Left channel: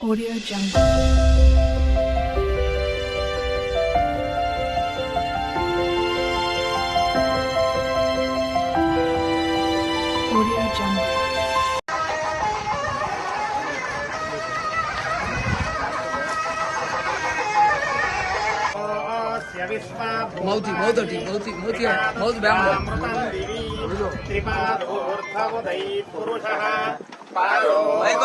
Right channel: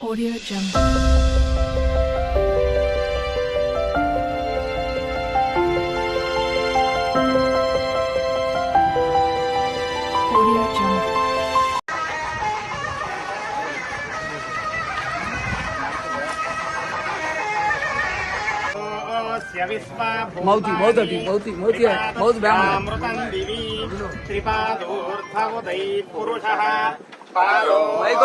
Audio Jungle. Audio Jungle. మౌతి మౌతటి మౌతి మౌతి మౌతి బ్రాహ్మణ అమృతం దివి త్రిపాదోర్ధముదై పురుష పాదో mic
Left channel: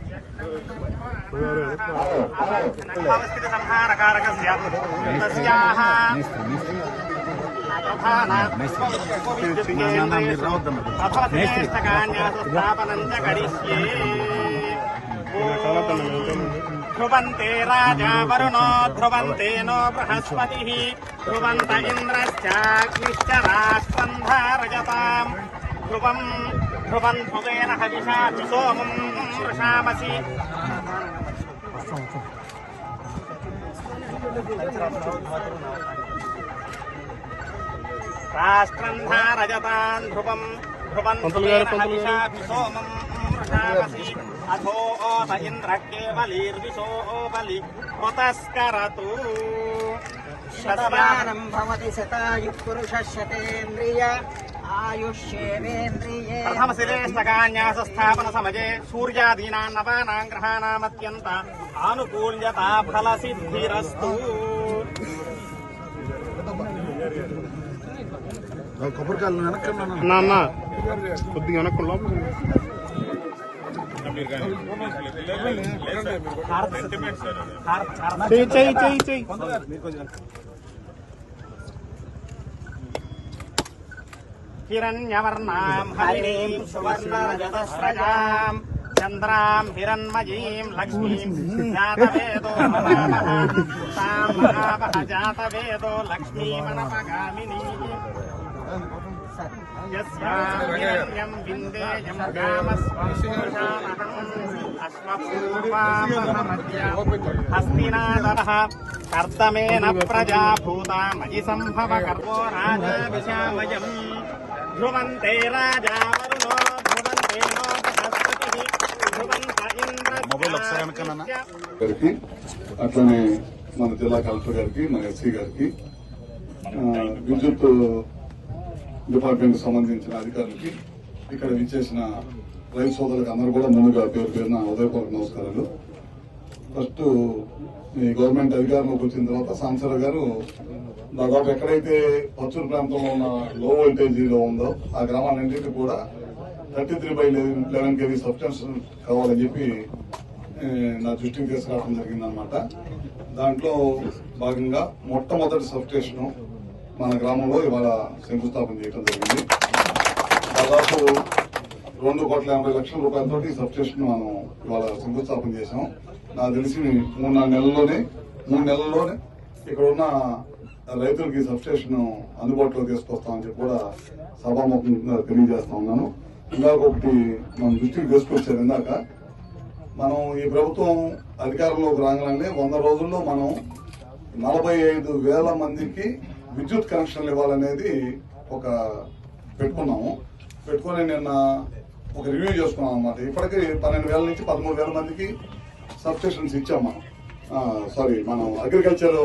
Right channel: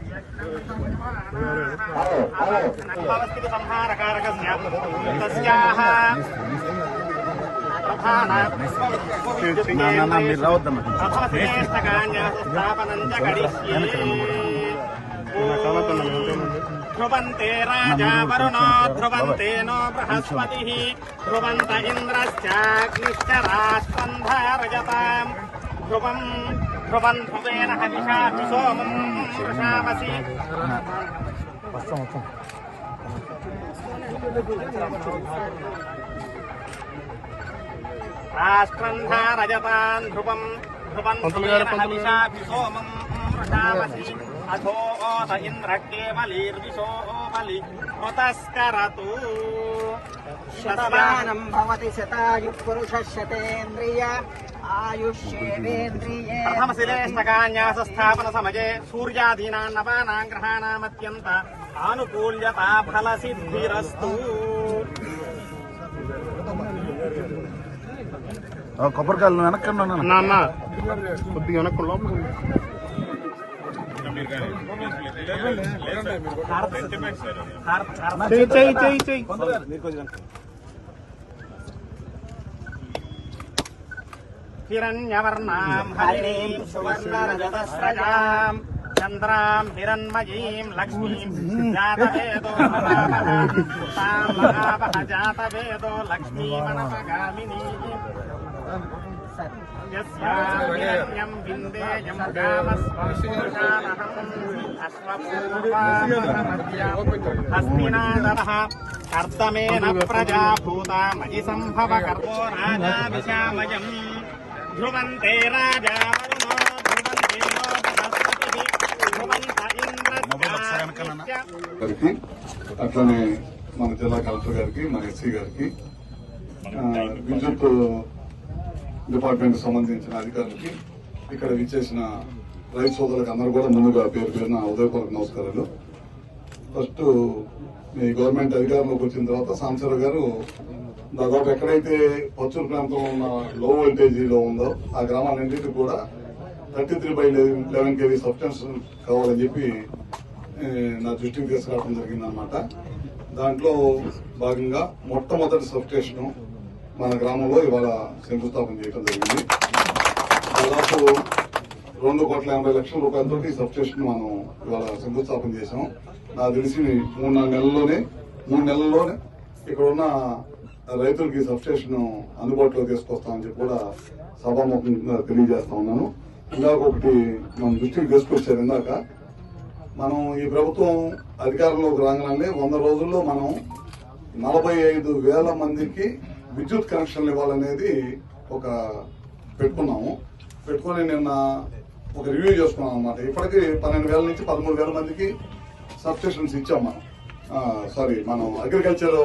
సజాతో అత్యరిచ్యత తస్యాద్భూమి పరిధయ త్రిసప్త సమిధ కృతా దేవాయస్తి సంహారకారకస్య తస్యాః ధ్రువంతే రాజా వరుణో ధ్రువంతే no Brihaspati ధ్రువంత ఇంద్రశ్చాగ్నిశ్చ రాష్ట్రం ధారయతాం ధ్రువం ధ్రువం ధ్రువేణ హవిషా సోమం వృషామసి రాష్ట్రం ధారయతాన్ ధ్రువం ధ్రువం సోమం వృషామసి అథో ఓత ఇంద్ర కేవలీర్విశో బలి కృతస్కరతు శతమానం భవతి శతాయు పురుష శతేంద్రియ ప్రథమశిరేష్టకాన్యాసస్థాపన సమయే సూర్యాదీనాం నవానాం గ్రహాణామత్యంత ఆనుకూల్యతా ఫల సిద్ధిరస్తు కొబ్బరికాయలు వెనక్కండి నాన్న కొద్దిగా వెనక్కు లోపల చెయ్యి చెయ్యి చెయ్యి చెయ్యి. हिरण्यवर्णाम् हरिणी सुवर्ण रजतस्रजा चंद्रा लक्ष्मीम् लक्ष्मी जातवेदो लक्ष्मी मनमगामिनी हस्तिनादर कामस्वाश्वपूर्वामध्य हस्तिनादरः कर्तमेन प्रजा भूता मयि सम्भव कर्मो राजा विशामयम् ధ్రువంతే రాజా వరుణో మొబైల్ ఒకసారి గారికి అట్లనే మన జిల్లా కలెక్టర్ గారికి మన ఎస్సీ గారికి విద్యుత్ డిపార్ట్మెంట్ సంబంధించిన అధికారులకి ఇక్కడ విచ్చేసిన రైతు సోదరులకు అందరూ కూడా ముందుగా పేరు పేరున ఉదయపూర్వక నమస్కారాలు. ఫస్ట్ మీ గవర్నమెంట్ అధికారంలోకి వచ్చిన తర్వాత సాంసర్ గారు దాదాపు ఎక్కడైతే పచ్చూరు ప్రాంతంలో ఉన్న లో వోల్టేజీలో ఉందో ఆ గ్రామాలన్నింటికి కూడా thirty three by eleven KV substations కావాలని చెప్పి నా దృష్టికి తీసుకురావడం జరిగిందనమాట దాంట్లో భాగంగా మొట్టమొదటి సబ్స్టేషన్ మన గ్రామంలో ఇవాళ శంకుస్థాపన చేయడం జరిగింది. దాదాపు రెండు కోట్ల ఎనభై లక్షల రూపాయలతో ఈ సబ్స్టేషన్ మనం ఇవాళ శంకుస్థాపన చేశాం. నాకు తెలిసి మూడు నాలుగు నెలల్లోనే మూడు నెలల్లోనే ఇక్కడ ఉన్న రైతులకి సబ్స్టేషన్ అందుబాటులో తీసుకొస్తామని చెప్పి కూడా సభాముఖంగా తెలియజేస్తా ఉన్నాను. ఇందాక ఒకటి మన దృష్టికి తీసుకొచ్చారు ఇందాక. మనం ఈ ప్రభుత్వం అధికారంలోకి రాగానే వంద రోజుల్లో మనం నలభై ఐదు వేల మందికి విద్యుత్ కనెక్షన్లు ఇవ్వాలనేది ఒక పెట్టుకున్నాము. పెట్టుకొని నిన్న ఒక రివ్యూ చేసుకున్నాం అనమాట ఇప్పటికీ పన్నెండు వేల నుంచి పదమూడు వేల మందికి సబ్స్టేషన్స్ ఇచ్చాం మనం. సారీ మనం అగ్రికల్చర్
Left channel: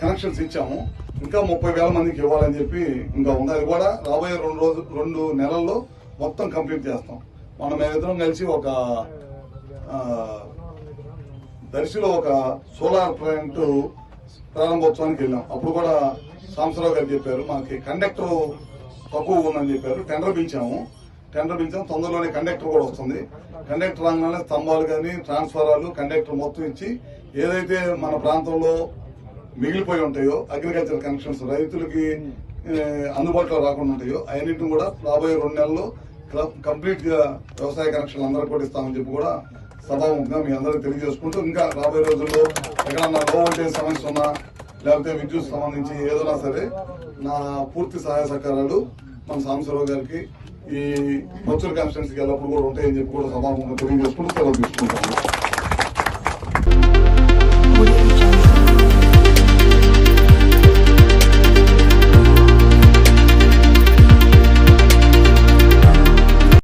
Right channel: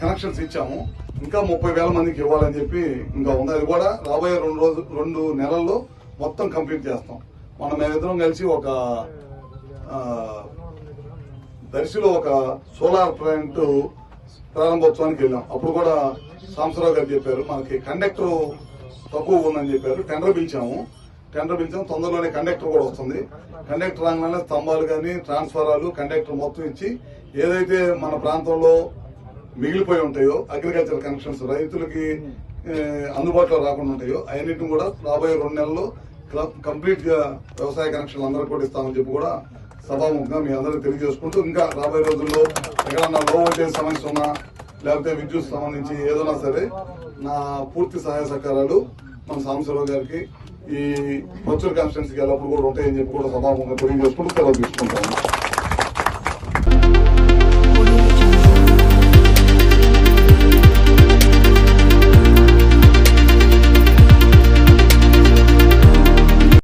కనెక్షన్స్ ఇచ్చాము. ఇంకా ముప్పై వేల మందికి ఇవ్వాలని చెప్పి ఇంకా ఉంది. అది కూడా రాబోయే రెండు రోజు రెండు నెలల్లో మొత్తం కంప్లీట్ చేస్తాం. మనం మేమిద్దరం కలిసి ఒక దర్శిలో ఒక సోలార్ ప్లాంట్ ప్రారంభోత్సవానికి వెళ్ళాం. అప్పుడు కూడా సాంసరావు గారు చెప్పారు మనకి కండక్టర్ తక్కువ ఉందని చెప్పారు. టెండర్ పిలిచాము. టెండర్ పిలిచాము తొందరలోనే కండక్టర్ కూడా వస్తుంది. కండక్టర్ రాగానే స్తంభాలు కానీ ట్రాన్స్ఫారాలు కండక్టర్ మొత్తం ఇచ్చి ఏదైతే మన ప్రాంతంలో మిగిలిపోయి ఉంటాయో అగ్రికల్చర్ కనెక్షన్స్ రైతులకి అందుబాటులో రాకుండా ఉంటాయో అవన్నిటిని కూడా రాబోయే రెండు నెలల్లో కంప్లీట్గా వ్యవసాయ కనెక్షన్లు అందరూ కూడా ఇస్తామని చెప్పి కూడా సభాముఖంగా మీ అందరూ తెలియజేసుకుంటూ ఇంకా రాబోయే రోజుల్లో ఎక్కడన్నా లో వోల్టేజ్ సమస్య ఉన్నా లేకపోతే విద్యుత్ సంబంధించి ఏదైనా సరే నా పూర్తి సహాయ సహకారాలు మన సాంబశివరావు గారికి ఈ పచ్చూరు కాన్స్టిట్యున్సీకి ఎల్లప్పుడు కూడా ఉంటాయని చెప్పి కూడా సమానంగా తెలియజేసుకుంటూ సెలవు తీసుకుంటాను.